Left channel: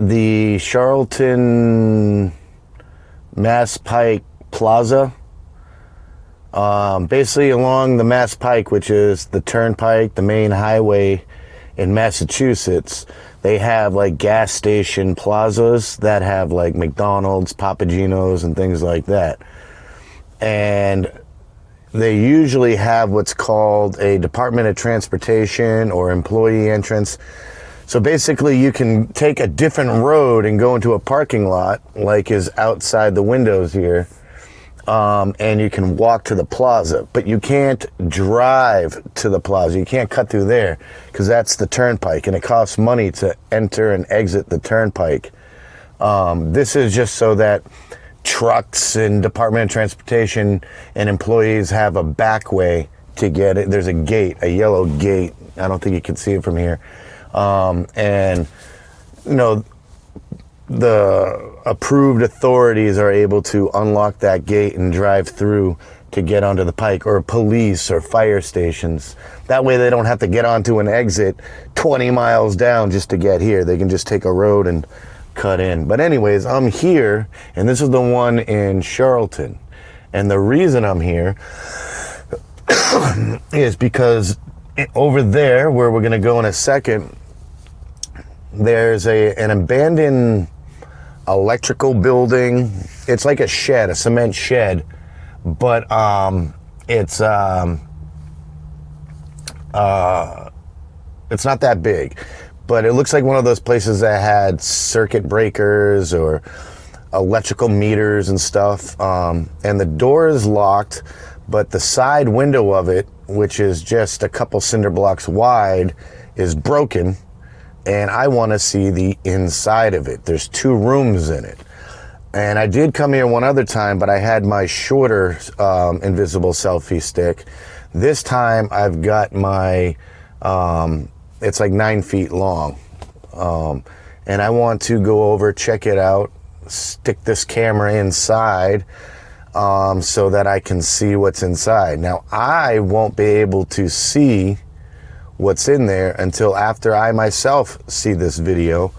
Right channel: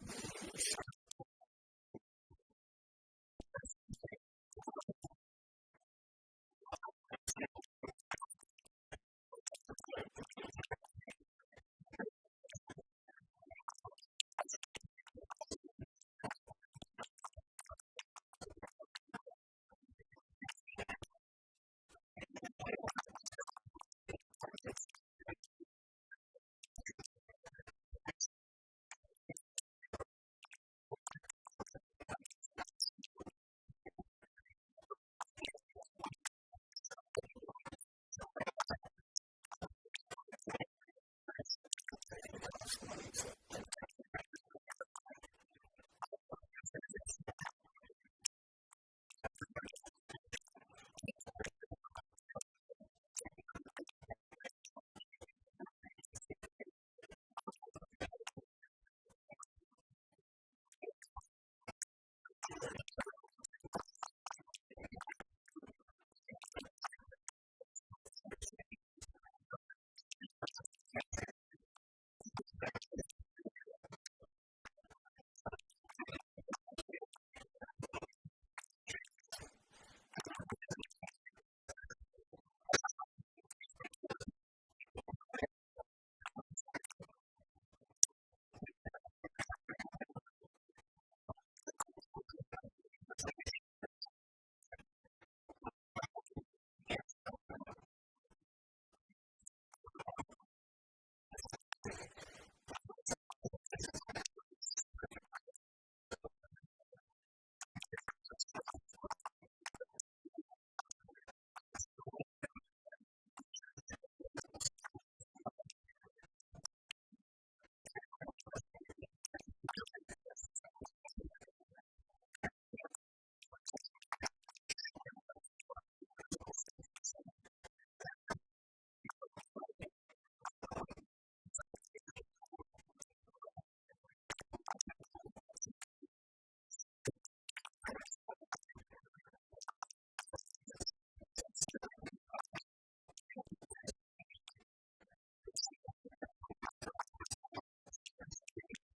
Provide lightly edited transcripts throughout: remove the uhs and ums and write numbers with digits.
the Charlton Mass Pike Plaza. Basically along the Mass Pike, which is the turnpike, the main highway in Massachusetts, they have like gas station plazas that have like McDonald's, Papa Gino's, and things like that. And they usually have what's called a Department of Transportation or employee entrance. So basically you can take a different road and go into a parking lot like is outside the windows here. And you can walk to the plaza, but you can't drive to the plaza. You can't cut through there because that's the turnpike, and it costs money to enter and exit the turnpike. This is just so that trucks and Department of Transportation and employees have a back way to get it. There's a gate, a yellow gate. I don't think you can see it from here. And, you know, the approved authorities are able to unlock that gate and drive through to get onto the pike, or police or fire stations. That way they don't have to get onto an exit 20 miles down just to get here. They can just take a road and cut in. But anyways, I'm here, and this is the one in Charlton. And the reason I'm here is because over there, where we're gonna go in a second, there's an abandoned electrical building. It's like a shed, a cement shed, but it's not that big. But it looks like one of those places that had circuit breakers or electrical meters and stuff. And the door is locked, but the side window of it, which is just a couple cinder blocks wide, is broken. And I want to see the inside of it. There's 2 rooms in it. And I did come here one other time, but I had my shorter invisible selfie stick. This time I've got my, it's like 9 feet long. And I want to go over, check it out, stick this camera inside so that I can see what's inside. Now, I won't be able to see what's in there until after I myself see this video,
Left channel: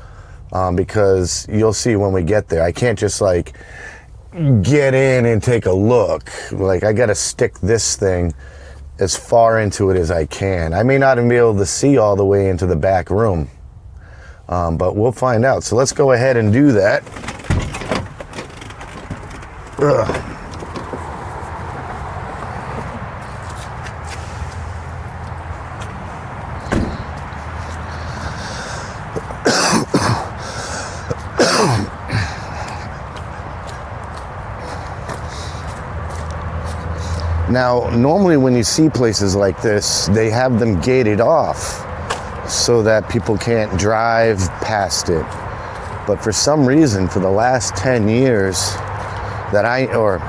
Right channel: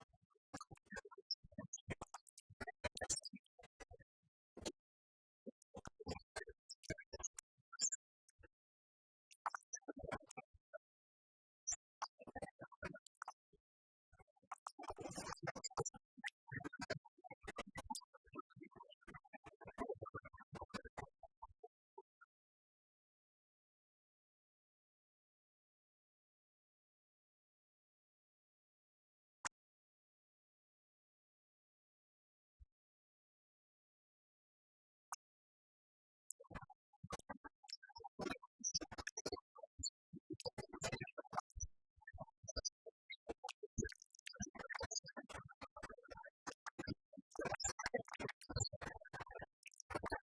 because you'll see when we get there. I can't just like get in and take a look. Like, I gotta stick this thing as far into it as I can. I may not even be able to see all the way into the back room, but we'll find out. So let's go ahead and do that. Ugh. Now, normally when you see places like this, they have them gated off so that people can't drive past it. But for some reason, for the last 10 years or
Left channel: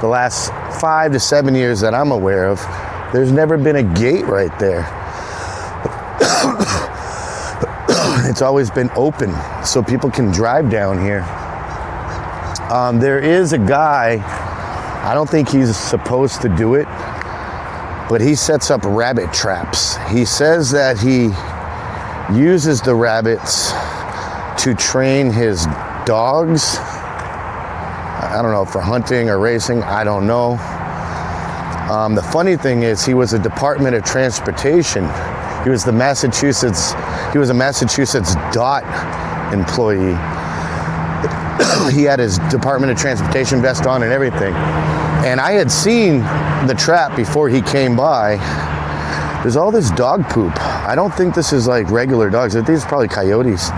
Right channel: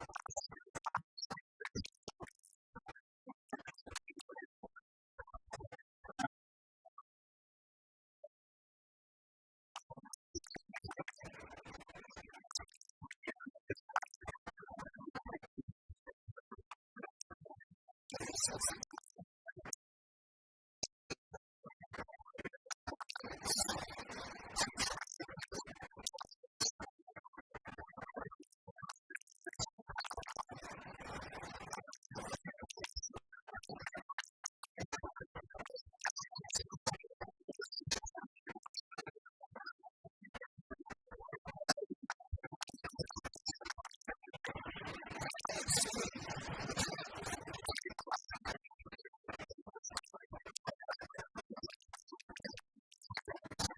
the last 5 to 7 years that I'm aware of, there's never been a gate right there. It's always been open so people can drive down here. There is a guy, I don't think he's supposed to do it, but he sets up rabbit traps. He says that he uses the rabbits to train his dogs. I don't know, for hunting or racing, I don't know. The funny thing is, he was a Department of Transportation. He was a Massachusetts DOT employee. He had his Department of Transportation vest on and everything. And I had seen the trap before he came by. There's all this dog poop. I don't think this is like regular dogs. I think it's probably coyotes.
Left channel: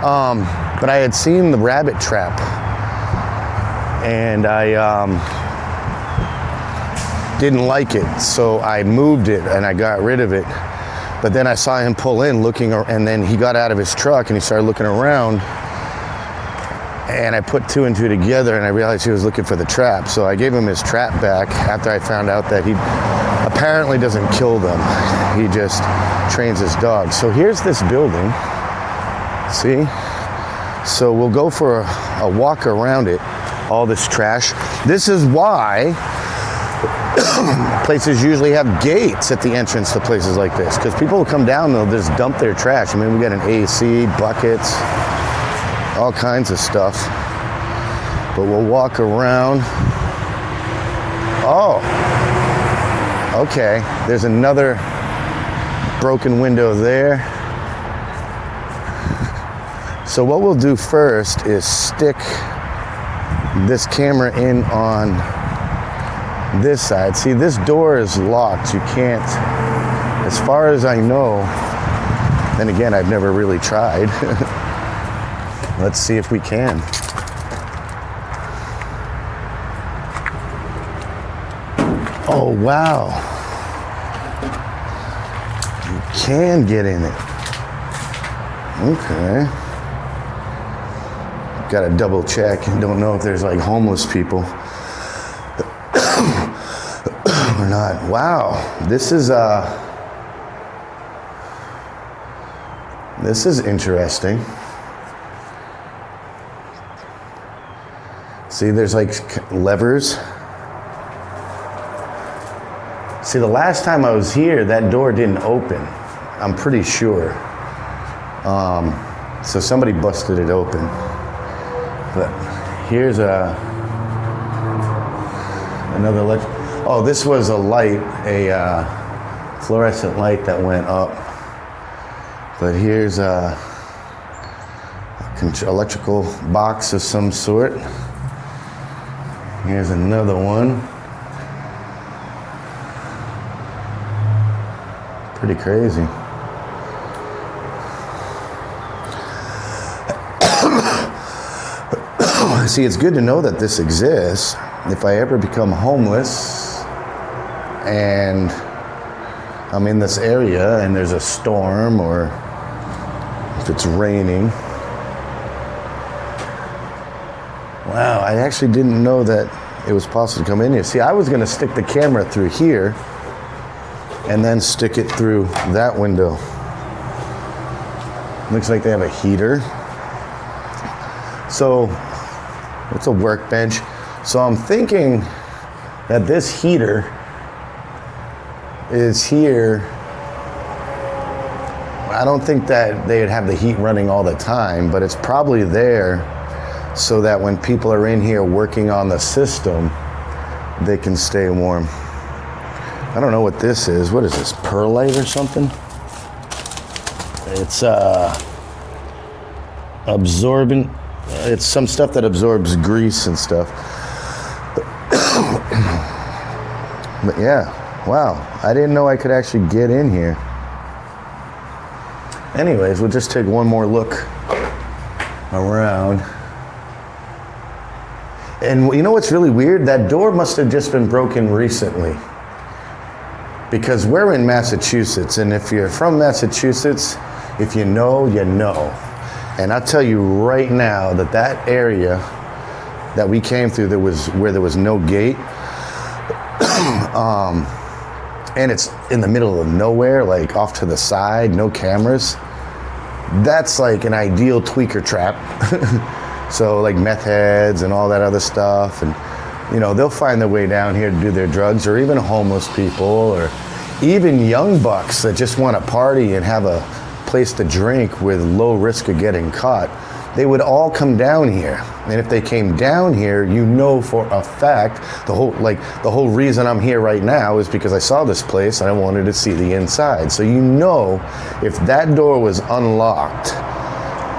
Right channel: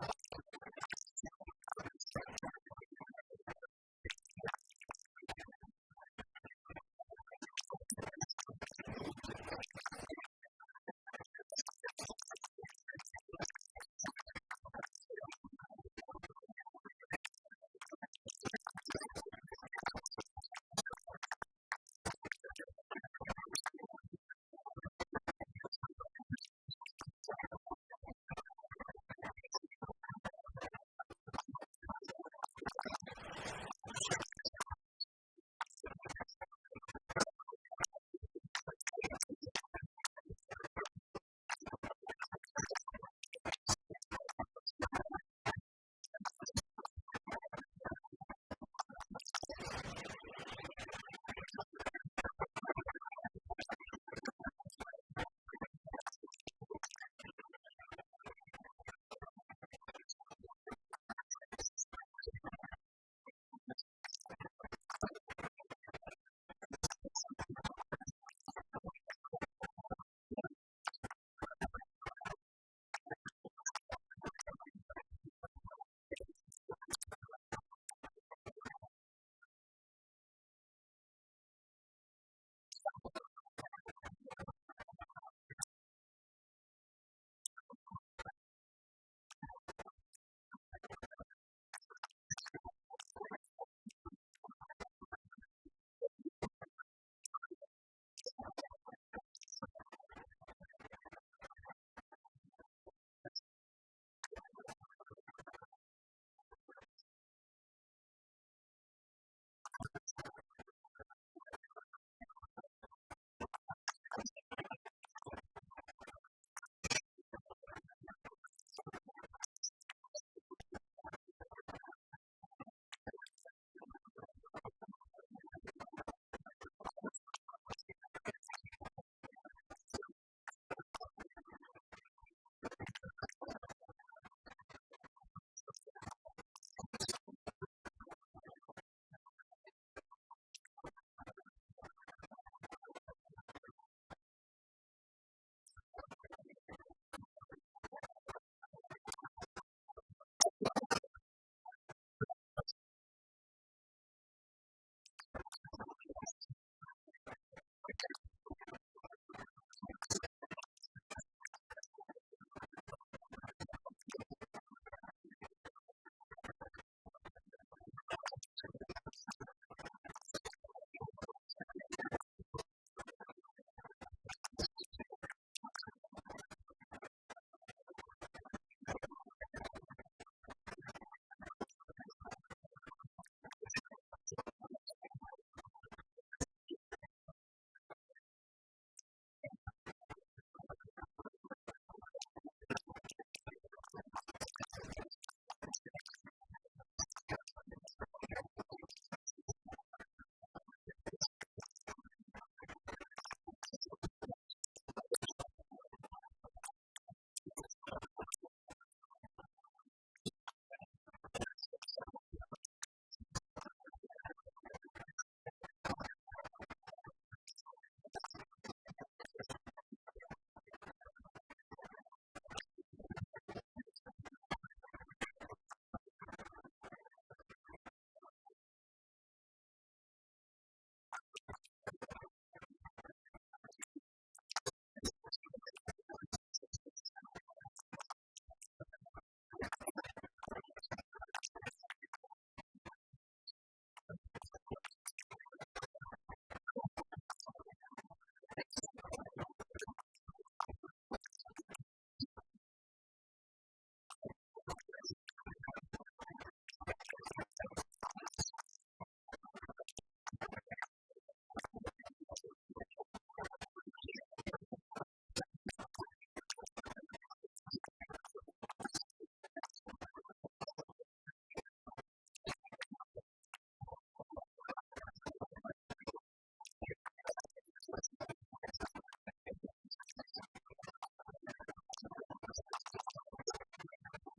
But I had seen the rabbit trap. And I didn't like it. So I moved it and I got rid of it. But then I saw him pull in looking, and then he got out of his truck and he started looking around. And I put 2 and 2 together and I realized he was looking for the trap. So I gave him his trap back after I found out that he apparently doesn't kill them. He just trains his dogs. So here's this building, see? So we'll go for a walk around it, all this trash. This is why places usually have gates at the entrance to places like this, because people will come down and they'll just dump their trash. I mean, we got an AC, buckets, all kinds of stuff. But we'll walk around. Oh, okay. There's another broken window there. So what we'll do first is stick this camera in on this side. See, this door is locked. You can't, as far as I know, then again, I've never really tried. Let's see if we can. Oh, wow. You can get in it. Okay. Got to double check. Don't know if there's like homeless people or not. Wow. This is interesting. See, there's like levers. See, the last time I was here, that door didn't open. I'm pretty sure. So somebody busted it open. But here's another light. Oh, this was a light, a fluorescent light that went up. But here's a electrical box of some sort. Here's another one. Pretty crazy. See, it's good to know that this exists. If I ever become homeless and I'm in this area and there's a storm or if it's raining. Wow, I actually didn't know that it was possible to come in here. See, I was gonna stick the camera through here and then stick it through that window. Looks like they have a heater. So, it's a workbench. So I'm thinking that this heater is here. I don't think that they'd have the heat running all the time, but it's probably there so that when people are in here working on the system, they can stay warm. I don't know what this is. What is this, perlite or something? It's absorbent. It's some stuff that absorbs grease and stuff. But yeah, wow. I didn't know I could actually get in here. Anyways, we'll just take one more look around. And you know what's really weird? That door must have just been broken recently. Because we're in Massachusetts, and if you're from Massachusetts, if you know, you know. And I'll tell you right now that that area that we came through, where there was no gate, and it's in the middle of nowhere, like off to the side, no cameras. That's like an ideal tweaker trap. So like meth heads and all that other stuff, and you know, they'll find their way down here to do their drugs, or even homeless people, or even young bucks that just want to party and have a place to drink with low risk of getting caught. They would all come down here. And if they came down here, you know for a fact, the whole reason I'm here right now is because I saw this place and I wanted to see the inside. So you know, if that door was unlocked,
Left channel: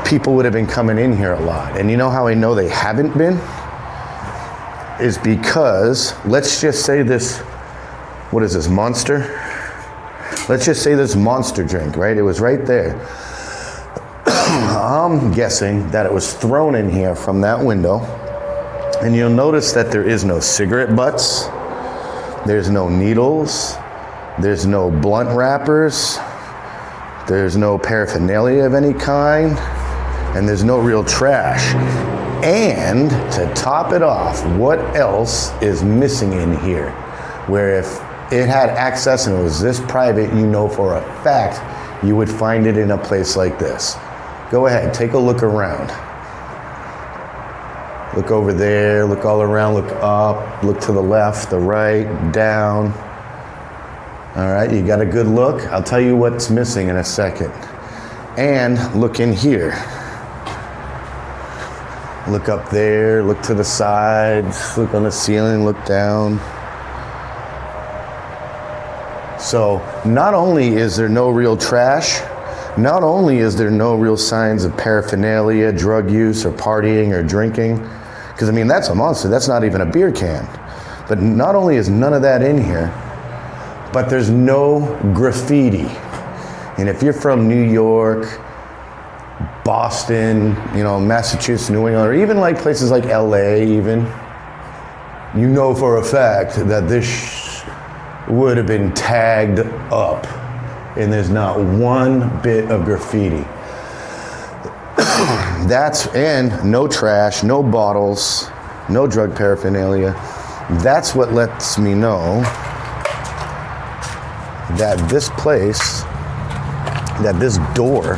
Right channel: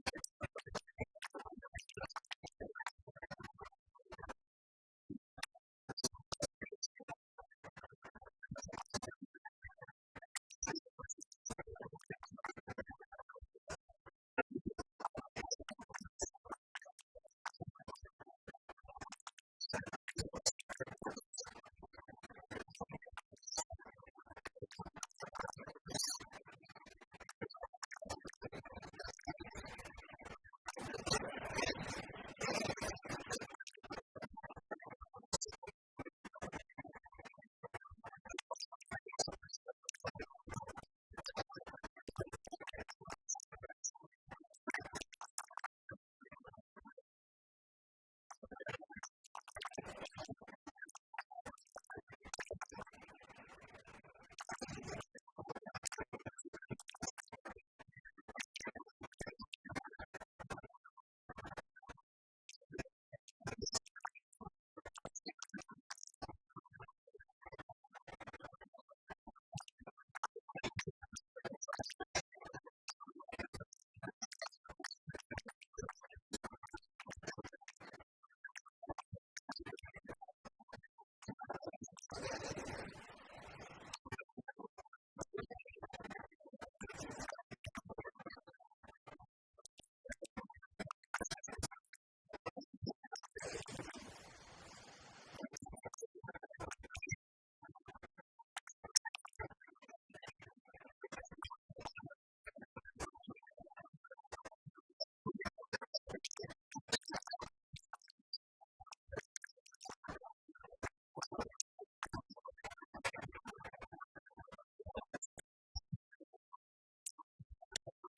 people would have been coming in here a lot. And you know how I know they haven't been? Is because, let's just say this, what is this, Monster? Let's just say this Monster drink, right? It was right there. I'm guessing that it was thrown in here from that window. And you'll notice that there is no cigarette butts. There's no needles. There's no blunt wrappers. There's no paraphernalia of any kind. And there's no real trash. And to top it off, what else is missing in here? Where if it had access and it was this private, you know for a fact you would find it in a place like this. Go ahead, take a look around. Look over there, look all around, look up, look to the left, the right, down. All right, you got a good look? I'll tell you what's missing in a second. And look in here. Look up there, look to the sides, look on the ceiling, look down. So not only is there no real trash, not only is there no real signs of paraphernalia, drug use, or partying, or drinking, because I mean, that's a monster, that's not even a beer can. But not only is none of that in here, but there's no graffiti. And if you're from New York, Boston, you know, Massachusetts, New England, or even like places like LA even, you know for a fact that this would have been tagged up and there's not one bit of graffiti. And no trash, no bottles, no drug paraphernalia. That's what lets me know that this place, that this door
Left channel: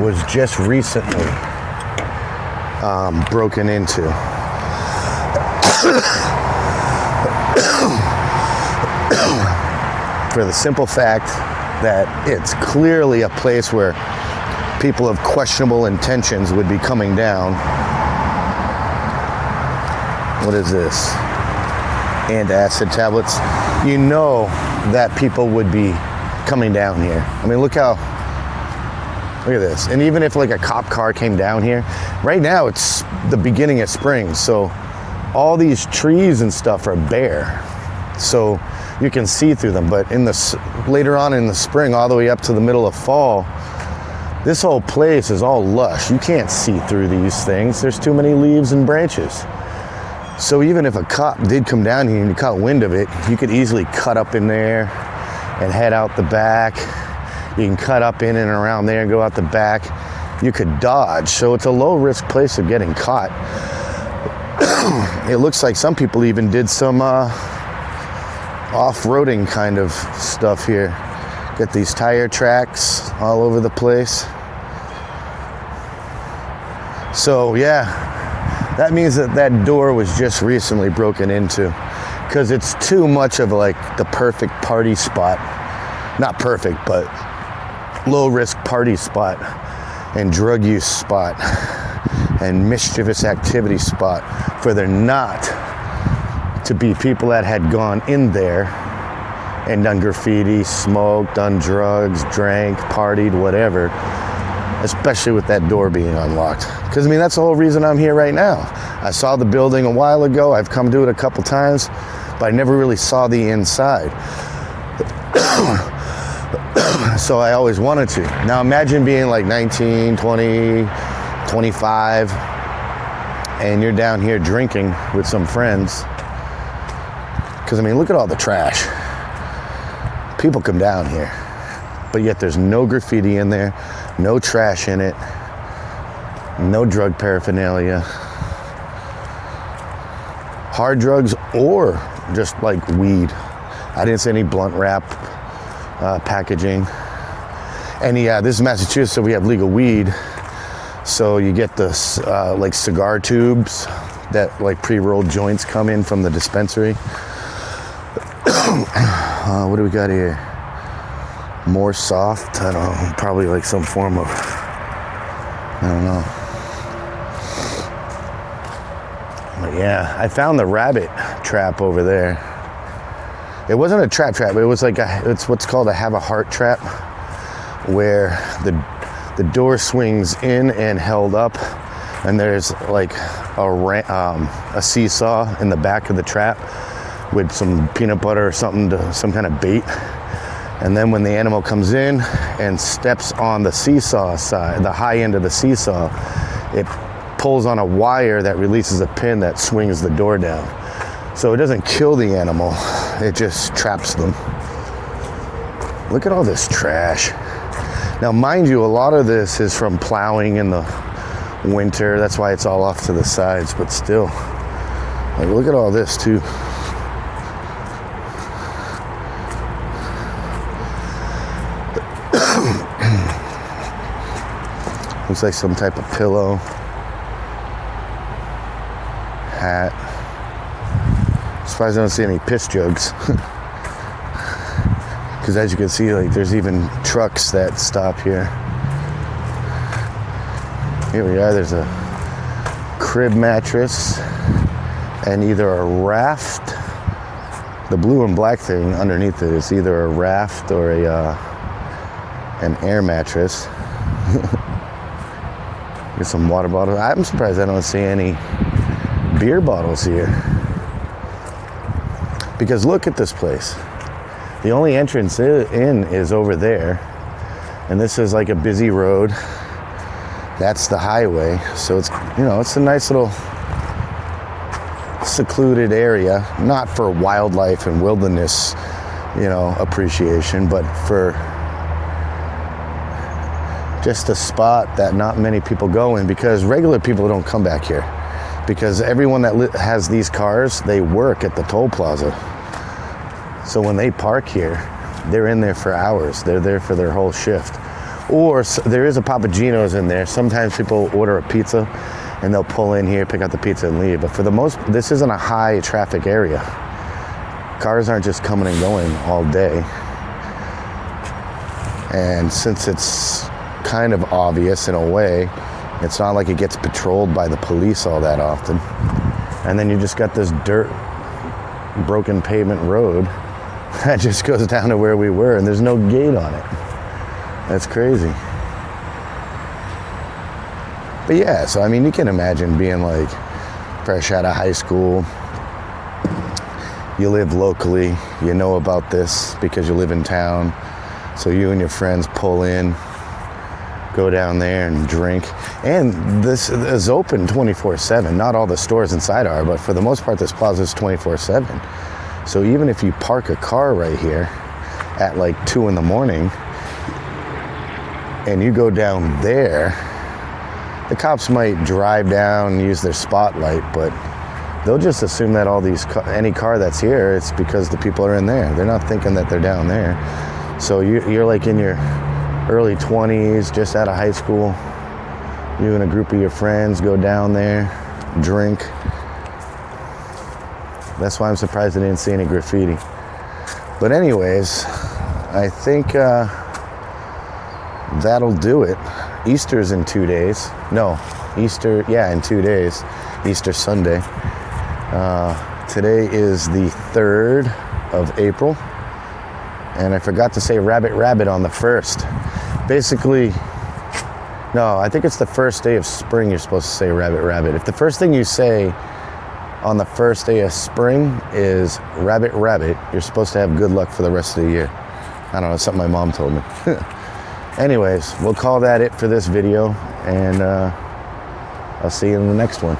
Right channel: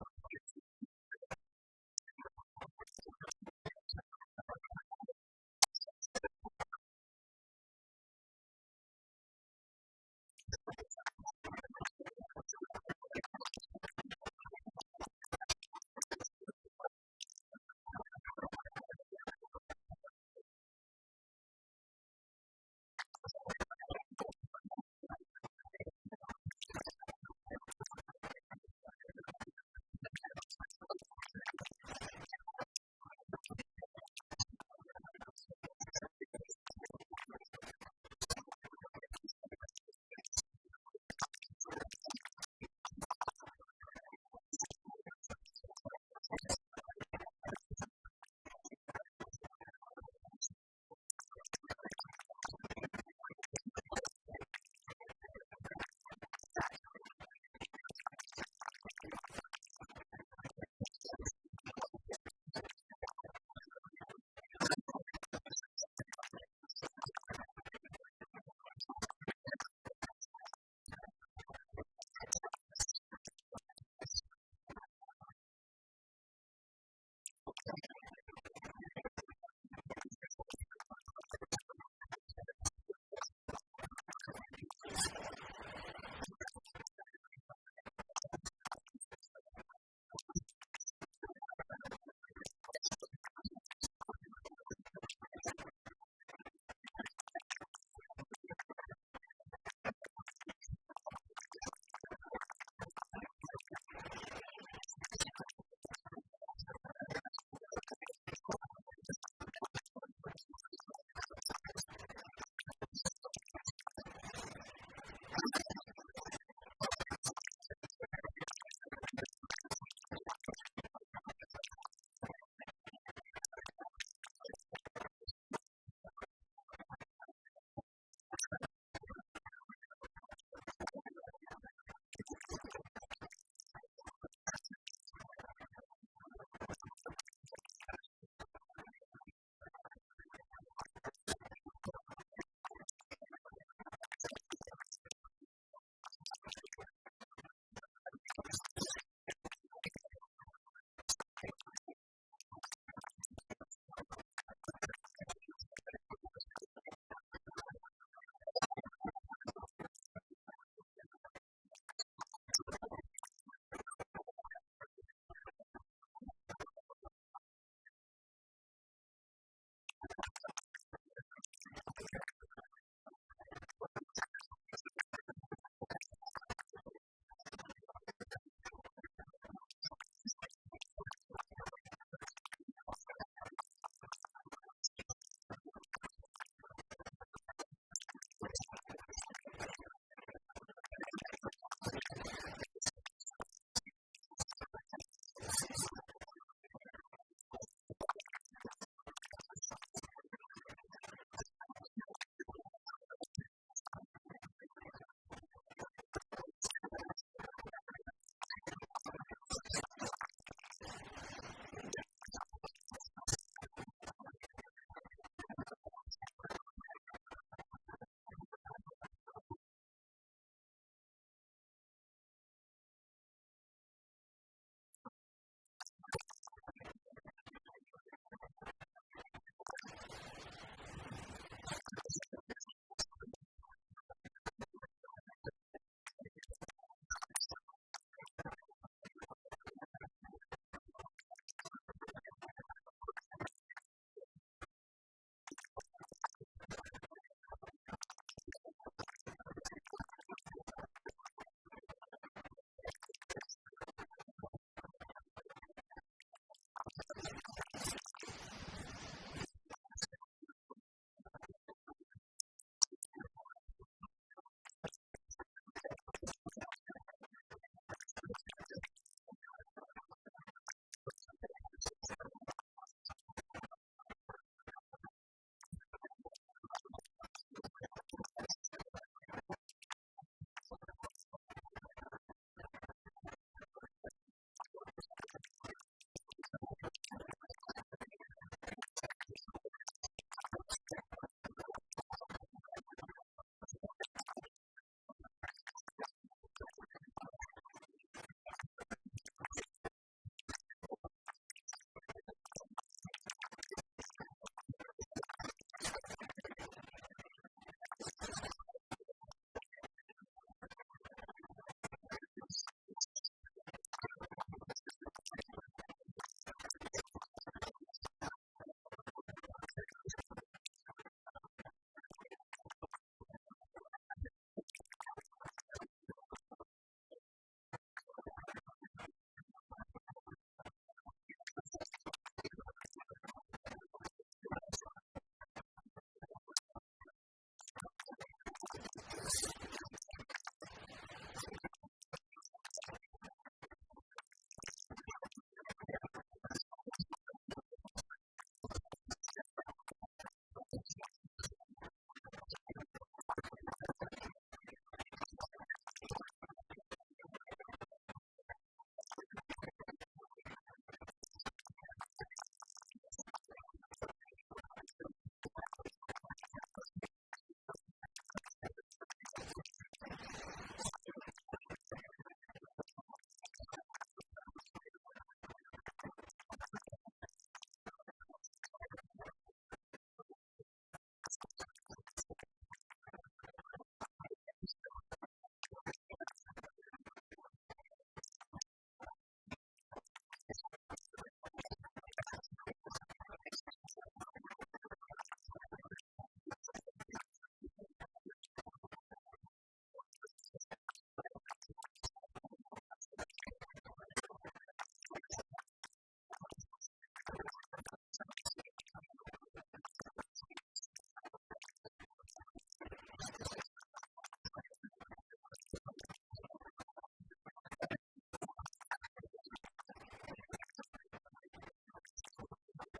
was just recently broken into. For the simple fact that it's clearly a place where people of questionable intentions would be coming down. What is this? Antacid tablets. You know that people would be coming down here. I mean, look at this. And even if like a cop car came down here, right now it's the beginning of spring, so all these trees and stuff are bare, so you can see through them. But later on in the spring, all the way up to the middle of fall, this whole place is all lush. You can't see through these things. There's too many leaves and branches. So even if a cop did come down here and you caught wind of it, you could easily cut up in there and head out the back. You can cut up in and around there and go out the back. You could dodge. So it's a low risk place of getting caught. It looks like some people even did some off-roading kind of stuff here. Got these tire tracks all over the place. So yeah, that means that door was just recently broken into, because it's too much of like the perfect party spot. Not perfect, but low risk party spot and drug use spot and mischievous activity spot for there not to be people that had gone in there and done graffiti, smoked, done drugs, drank, partied, whatever, especially with that door being unlocked. Because I mean, that's the whole reason I'm here right now. I saw the building a while ago. I've come to it a couple times, but I never really saw the inside. So I always wanted to. Now imagine being like 19, 20, 25, and you're down here drinking with some friends. Because I mean, look at all the trash. People come down here, but yet there's no graffiti in there, no trash in it, no drug paraphernalia, hard drugs or just like weed. I didn't see any blunt wrap packaging. And yeah, this is Massachusetts, so we have legal weed. So you get this like cigar tubes that like pre-rolled joints come in from the dispensary. What do we got here? More soft, I don't know, probably like some form of, I don't know. But yeah, I found the rabbit trap over there. It wasn't a trap, it was like it's what's called a have a heart trap, where the door swings in and held up, and there's like a seesaw in the back of the trap with some peanut butter or something, some kind of bait. And then when the animal comes in and steps on the seesaw side, the high end of the seesaw, it pulls on a wire that releases a pin that swings the door down. So it doesn't kill the animal, it just traps them. Look at all this trash. Now, mind you, a lot of this is from plowing in the winter. That's why it's all off to the sides, but still, like, look at all this too. Looks like some type of pillow, hat. Surprised I don't see any piss jugs. Because as you can see, like, there's even trucks that stop here. Here we are. There's a crib mattress and either a raft. The blue and black thing underneath it is either a raft or an air mattress. Get some water bottles. I'm surprised I don't see any beer bottles here. Because look at this place. The only entrance in is over there. And this is like a busy road. That's the highway. So it's, you know, it's a nice little secluded area, not for wildlife and wilderness, you know, appreciation, but for just a spot that not many people go in, because regular people don't come back here, because everyone that has these cars, they work at the toll plaza. So when they park here, they're in there for hours. They're there for their whole shift. Or there is a Papa Gino's in there. Sometimes people order a pizza and they'll pull in here, pick out the pizza and leave. But for the most, this isn't a high traffic area. Cars aren't just coming and going all day. And since it's kind of obvious in a way, it's not like it gets patrolled by the police all that often. And then you just got this dirt, broken pavement road that just goes down to where we were, and there's no gate on it. That's crazy. But yeah, so I mean, you can imagine being like fresh out of high school. You live locally, you know about this because you live in town. So you and your friends pull in, go down there and drink. And this is open 24/7. Not all the stores inside are, but for the most part, this plaza is 24/7. So even if you park a car right here at like 2 in the morning and you go down there, the cops might drive down and use their spotlight, but they'll just assume that any car that's here, it's because the people are in there. They're not thinking that they're down there. So you're like in your early 20s, just out of high school. You and a group of your friends go down there, drink. That's why I'm surprised I didn't see any graffiti. But anyways, I think that'll do it. Easter's in 2 days. No, Easter, yeah, in 2 days. Easter Sunday. Today is the 3rd of April. And I forgot to say rabbit rabbit on the 1st. Basically, no, I think it's the first day of spring you're supposed to say rabbit rabbit. If the first thing you say on the first day of spring is rabbit rabbit, you're supposed to have good luck for the rest of the year. I don't know, it's something my mom told me. Anyways, we'll call that it for this video, and I'll see you in the next one.